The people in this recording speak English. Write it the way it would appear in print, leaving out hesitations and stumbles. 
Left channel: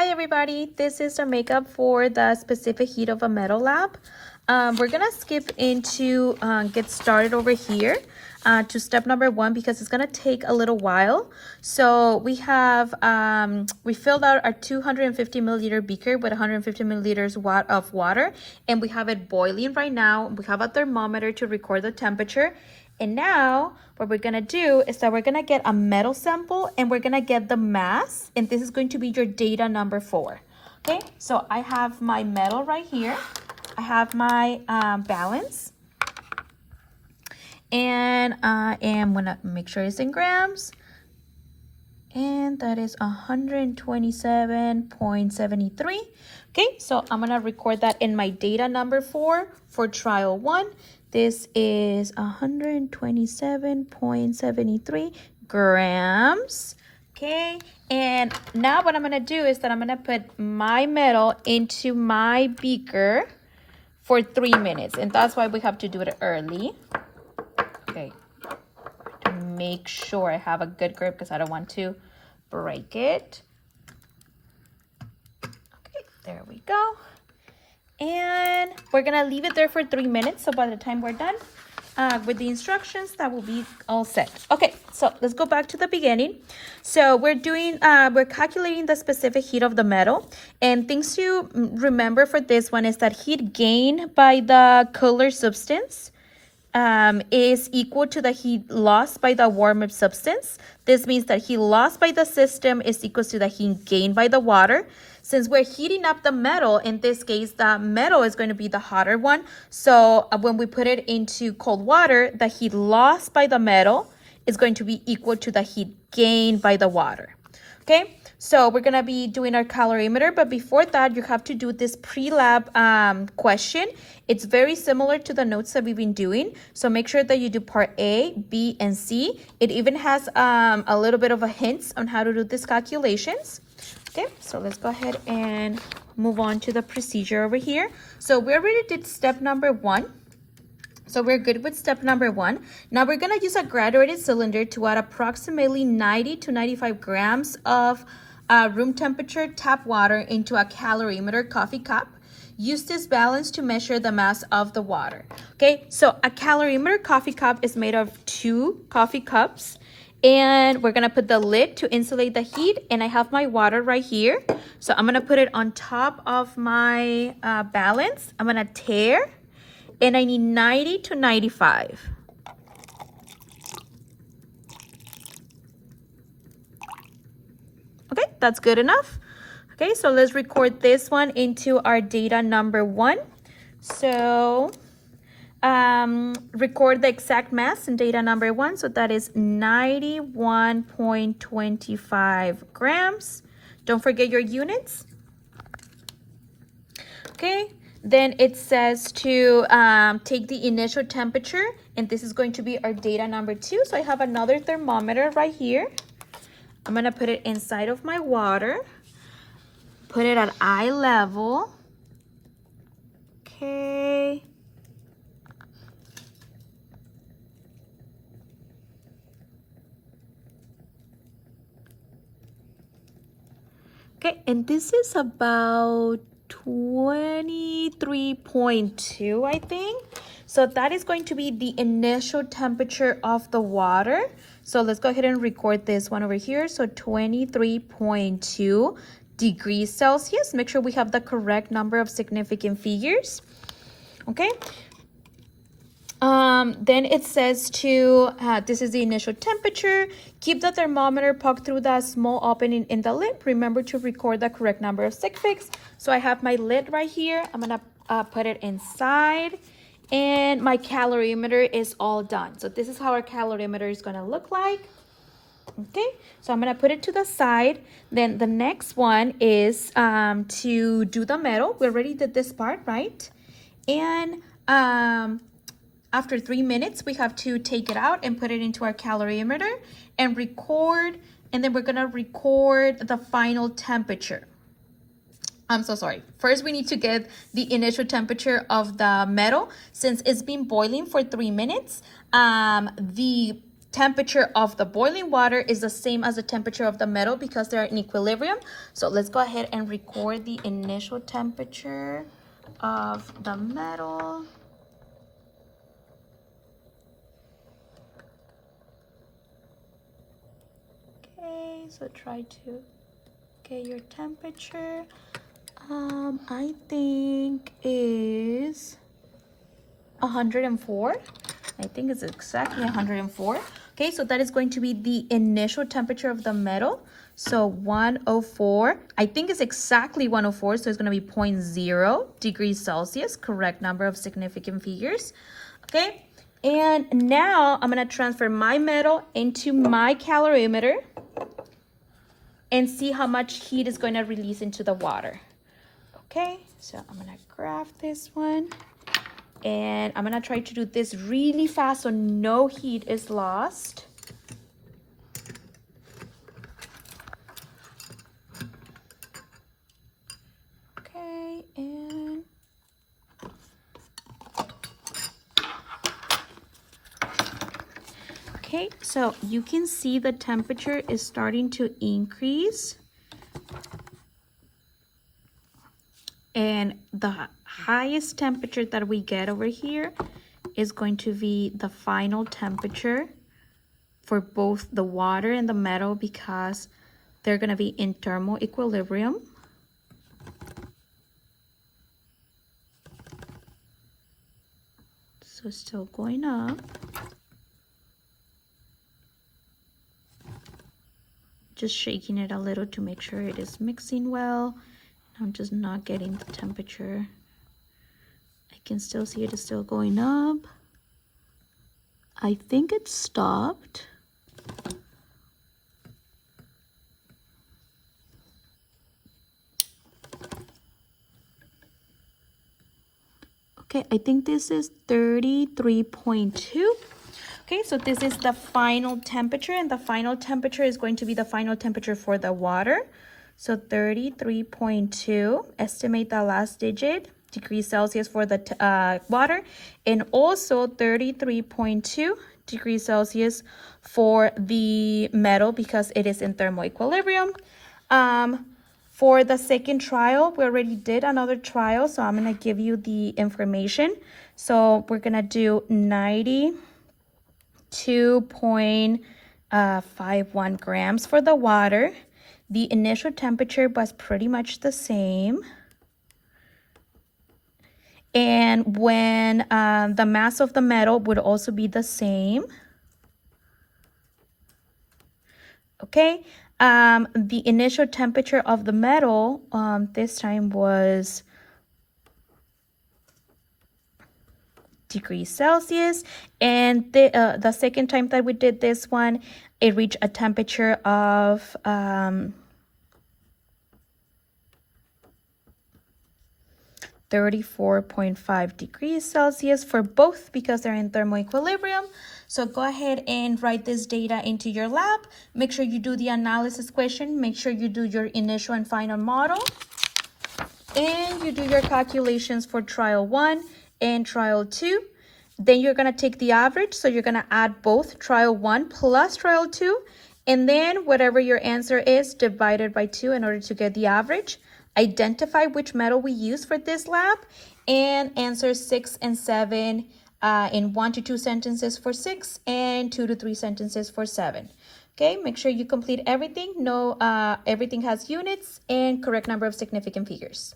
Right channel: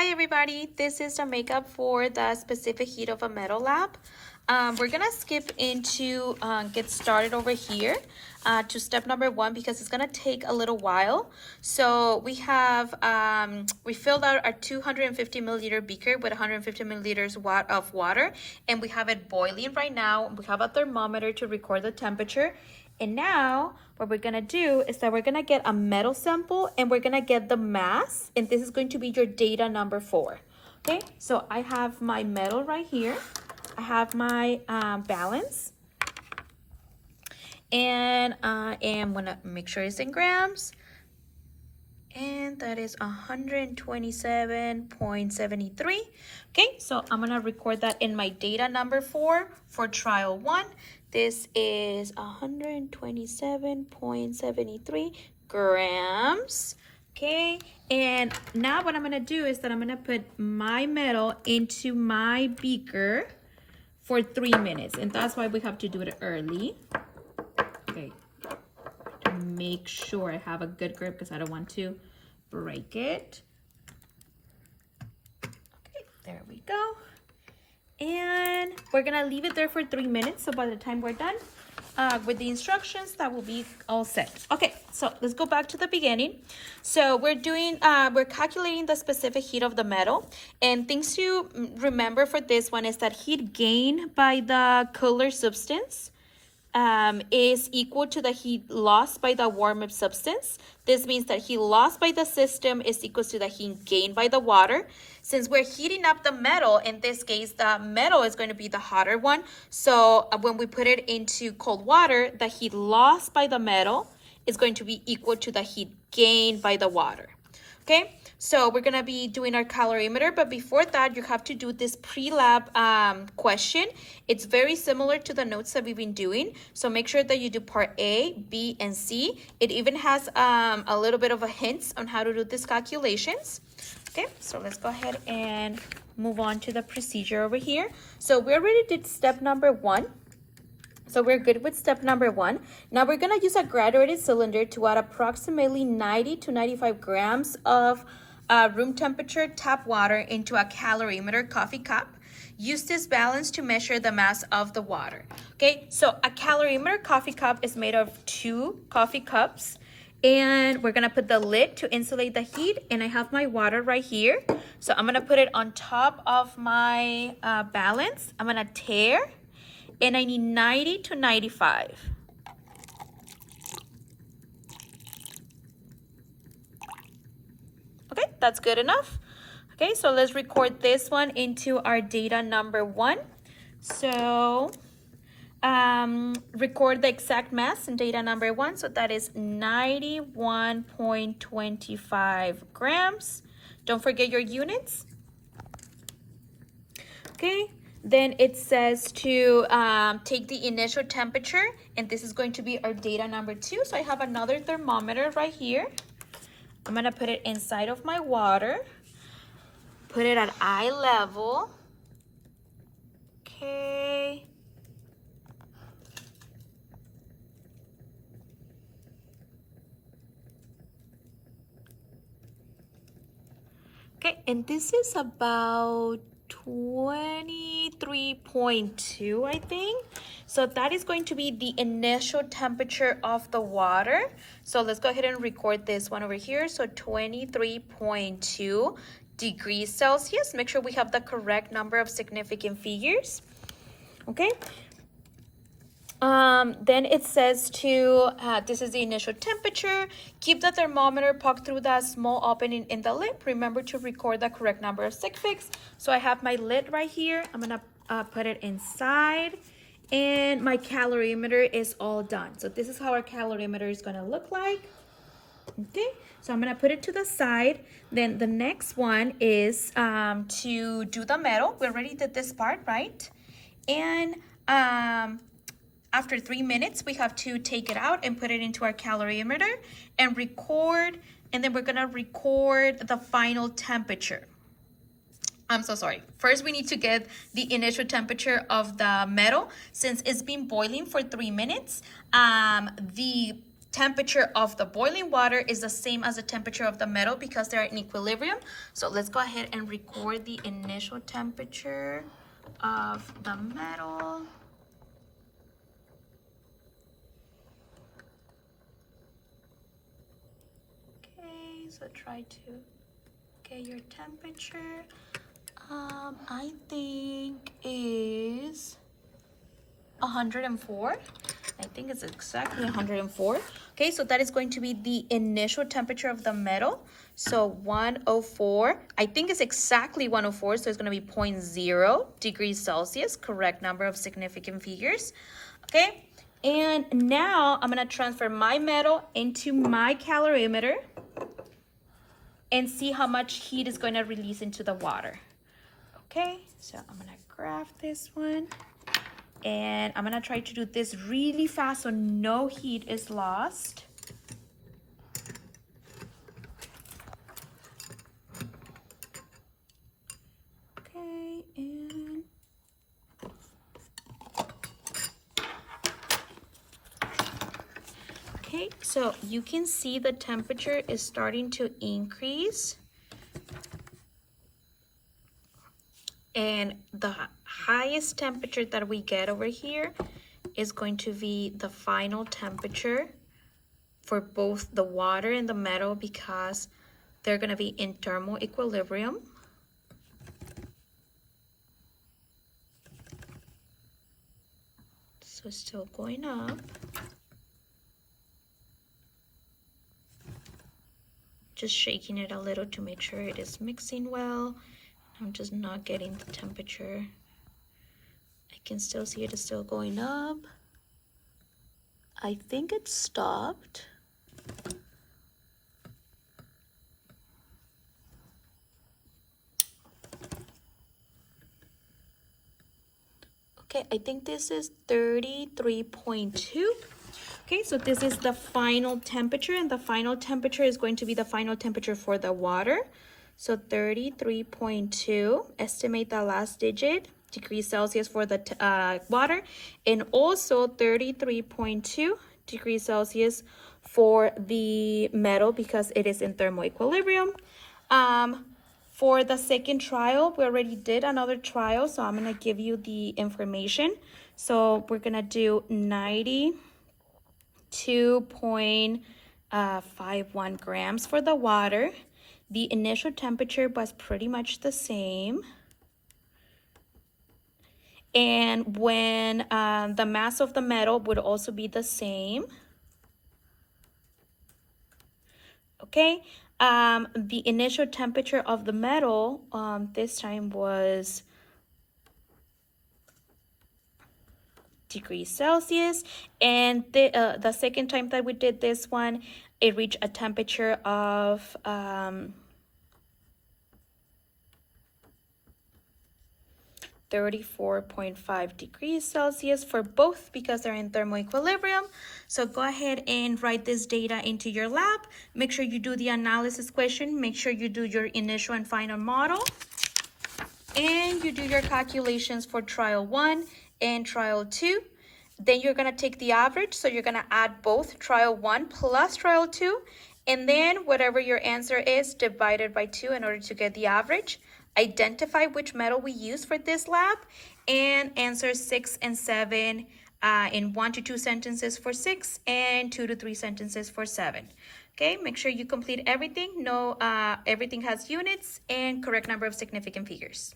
Hi everybody, this is the makeup for the specific heat of a metal lab. We're gonna skip into get started over here to step number 1 because it's gonna take a little while. So we have, we filled out our 250 milliliter beaker with 150 milliliters of water, and we have it boiling right now. We have a thermometer to record the temperature. And now what we're gonna do is that we're gonna get a metal sample and we're gonna get the mass, and this is going to be your data number 4. Okay, so I have my metal right here. I have my balance, and I am gonna make sure it's in grams, and that is 127.73. Okay, so I'm gonna record that in my data number 4 for trial 1. This is 127.73 grams. Okay, and now what I'm gonna do is that I'm gonna put my metal into my beaker for 3 minutes, and that's why we have to do it early. Okay, to make sure I have a good grip because I don't want to break it. Okay, there we go. And we're gonna leave it there for 3 minutes. So by the time we're done with the instructions, that will be all set. Okay, so let's go back to the beginning. So we're calculating the specific heat of the metal. And things to remember for this one is that heat gained by the cooler substance is equal to the heat lost by the warm-up substance. This means that heat lost by the system is equal to the heat gained by the water. Since we're heating up the metal, in this case, the metal is going to be the hotter one. So when we put it into cold water, the heat lost by the metal is going to be equal to the heat gained by the water. Okay, so we're gonna be doing our calorimeter, but before that, you have to do this pre-lab question. It's very similar to the notes that we've been doing, so make sure that you do part A, B, and C. It even has a little bit of a hint on how to do these calculations. Okay, so let's go ahead and move on to the procedure over here. So we already did step number 1. So we're good with step number 1. Now we're gonna use a graduated cylinder to add approximately 90 to 95 grams of room temperature tap water into a calorimeter coffee cup. Use this balance to measure the mass of the water. Okay, so a calorimeter coffee cup is made of 2 coffee cups, and we're gonna put the lid to insulate the heat, and I have my water right here. So I'm gonna put it on top of my balance. I'm gonna tare, and I need 90 to 95. Okay, that's good enough. Okay, so let's record this one into our data number 1. So record the exact mass in data number 1. So that is 91.25 grams. Don't forget your units. Okay. Then it says to take the initial temperature, and this is going to be our data number 2. So I have another thermometer right here. I'm gonna put it inside of my water, put it at eye level. Okay. Okay, and this is about 23.2, I think. So that is going to be the initial temperature of the water. So let's go ahead and record this one over here. So 23.2 degrees Celsius. Make sure we have the correct number of significant figures. Okay. Then it says to, this is the initial temperature. Keep the thermometer poked through the small opening in the lid. Remember to record the correct number of sig figs. So I have my lid right here. I'm gonna put it inside, and my calorimeter is all done. So this is how our calorimeter is gonna look like. Okay, so I'm gonna put it to the side. Then the next one is to do the metal. We already did this part, right? And after 3 minutes, we have to take it out and put it into our calorimeter and record, and then we're gonna record the final temperature. I'm so sorry. First, we need to get the initial temperature of the metal. Since it's been boiling for 3 minutes, the temperature of the boiling water is the same as the temperature of the metal because they're in equilibrium. So let's go ahead and record the initial temperature of the metal. Okay, so try to get your temperature. I think is 104. I think it's exactly 104. Okay, so that is going to be the initial temperature of the metal. So 104, I think it's exactly 104, so it's going to be 0.0 degrees Celsius, correct number of significant figures. Okay, and now I'm going to transfer my metal into my calorimeter and see how much heat is going to release into the water. Okay, so I'm going to grab this one. And I'm gonna try to do this really fast so no heat is lost. Okay, and okay, so you can see the temperature is starting to increase. And the highest temperature that we get over here is going to be the final temperature for both the water and the metal because they're going to be in thermal equilibrium. So it's still going up. Just shaking it a little to make sure it is mixing well. I'm just not getting the temperature. I can still see it is still going up. I think it stopped. Okay, I think this is 33.2. Okay, so this is the final temperature, and the final temperature is going to be the final temperature for the water. So 33.2, estimate the last digit, degrees Celsius for the water, and also 33.2 degrees Celsius for the metal because it is in thermal equilibrium. For the second trial, we already did another trial, so I'm gonna give you the information. So we're gonna do 92.51 grams for the water. The initial temperature was pretty much the same. And when the mass of the metal would also be the same. Okay, the initial temperature of the metal this time was degrees Celsius. And the second time that we did this one, it reached a temperature of 34.5 degrees Celsius for both because they're in thermal equilibrium. So go ahead and write this data into your lab. Make sure you do the analysis question. Make sure you do your initial and final model. And you do your calculations for trial 1 and trial 2. Then you're going to take the average. So you're going to add both trial 1 plus trial 2. And then whatever your answer is, divided by 2 in order to get the average. Identify which metal we use for this lab and answer 6 and 7 in 1 to 2 sentences for 6 and 2 to 3 sentences for 7. Okay, make sure you complete everything. Know everything has units and correct number of significant figures.